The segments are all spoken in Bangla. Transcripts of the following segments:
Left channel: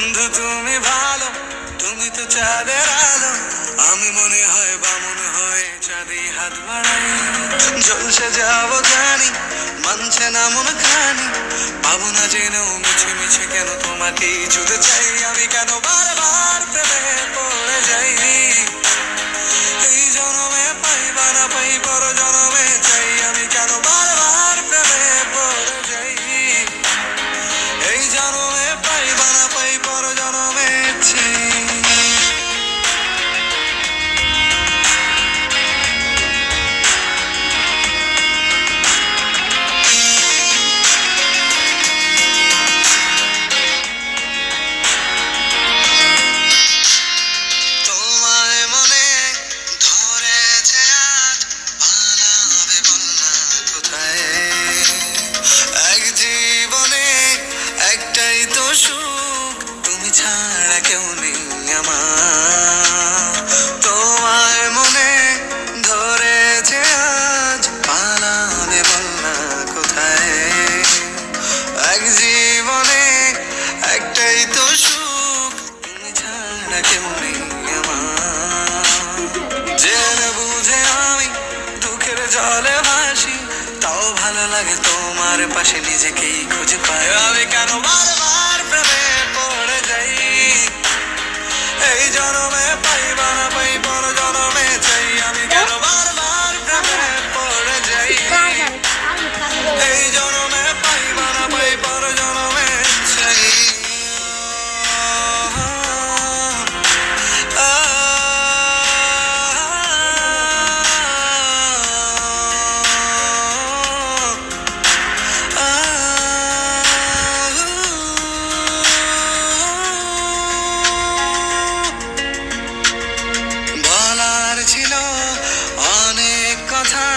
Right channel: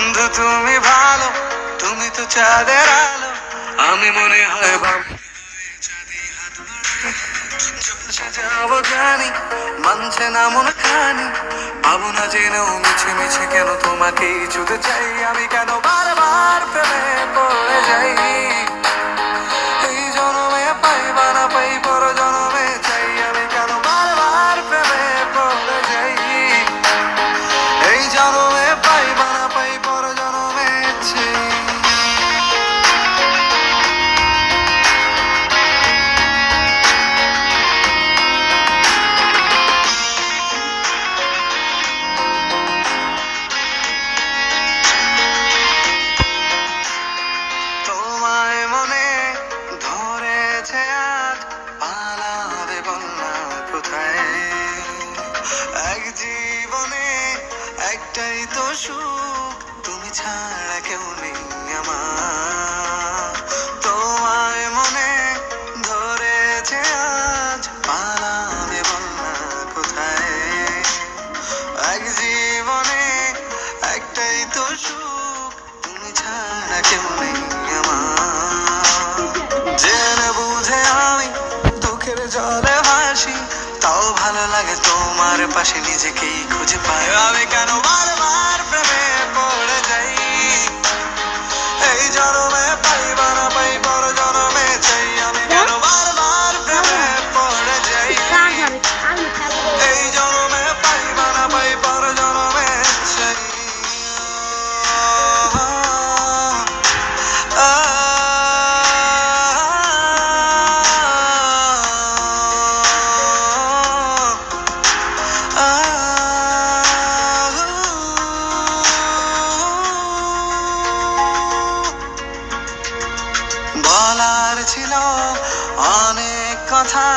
বন্ধু তুমি ভালো, তুমি তো চাঁদের আলো। আমি মনে হয় বামুন হয়ে চাঁদে হাত বাড়াই। জলসে যাবো জানি, মানছে না মন খানি। পাবো না জেনেও মিছে মিছে কেন তোমাকেই ছুতে চাই। আমি কেন বারবার প্রেমে পড়ে যাই। এই জনমে পাই বা না পাই, পর জনমে চাই। আমি কেন বারবার প্রেমে পড়ে যাই। এই জনমে পাই বা না পাই, পর জনমে চাই। তোমায় মনে ধরেছে আজ, পালাবে বলনা কোথায়। এক জীবনে একটাই তো সুখ, তুমি ছাড়া কেউ নেই আমার। তোমায় মনে ধরেছে আজ, পালাবে বলনা কোথায়। এক জীবনে একটাই তো সুখ, তুমি ছাড়া কেউ নেই আমার। জেনে বুঝে আমি দুঃখের জলে ভাসি, তাও ভালো লাগে তোমার পাশে নিজেকেই খুঁজে পাই। আমি কেন বারবার প্রেমে পড়ে যাই। এই জনমে পাই বা না পাই, পর জনমে চাই। আমি কেন বারবার প্রেমে পড়ে যাই। এই জনমে পাই বা না পাই, পর জনমে চাই। বলার ছিল অনেক কথা,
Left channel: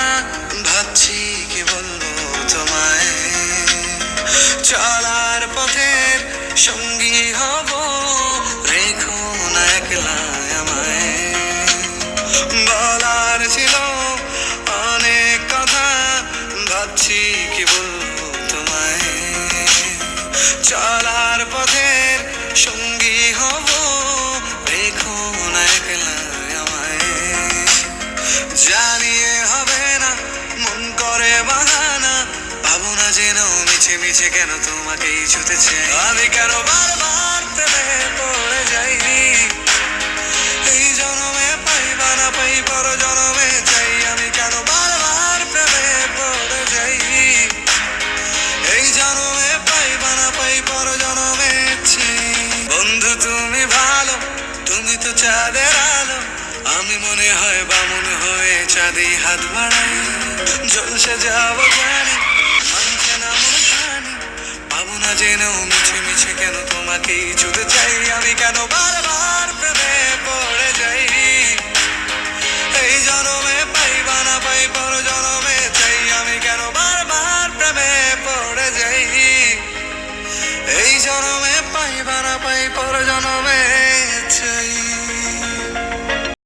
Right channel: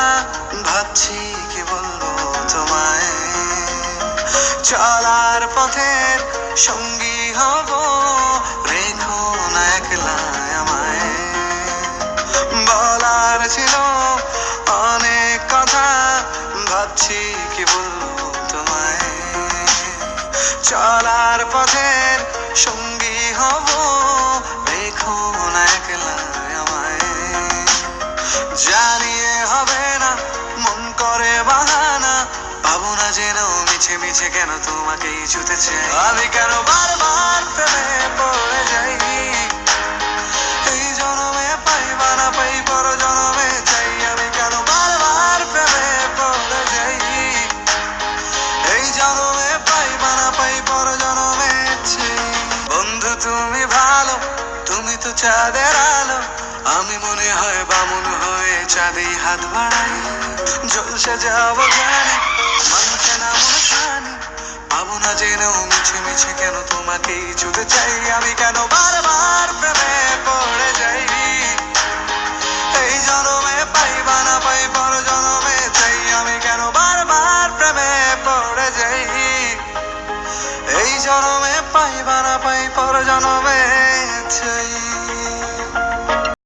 ভাবছি কি বলবো তোমায়। চলার পথের সঙ্গী হব, রেখো না একলা আমায়। বলার ছিল অনেক কথা, ভাবছি কি বলবো তোমায়। চলার পথের সঙ্গী হব, রেখো না একলা আমায়। জানিয়ে হবে না, মন করে বাহানা। পাবো না জেনেও মিছে মিছে কেন তোমাকেই ছুতে চাই। আমি কেন বারবার প্রেমে পড়ে যাই। এই জনমে পাই বা না পাই, পর জনমে চাই। আমি কেন বারবার প্রেমে পড়ে যাই। এই জনমে পাই বা না পাই, পর জনমে চাই। বন্ধু তুমি ভালো, তুমি তো চাঁদের আলো। আমি মনে হয় বামুন হয়ে চাঁদে হাত বাড়াই। জলসে যাবো জানি, মানছে না মন খানি। পাবো না জেনেও মিছে মিছে কেন তোমাকেই ছুতে চাই। আমি কেন বারবার প্রেমে পড়ে যাই। এই জনমে পাই বা না পাই, পর জনমে চাই। আমি কেন বারবার প্রেমে পড়ে যাই। এই জনমে পাই বা না পাই, পর জনমে চাই।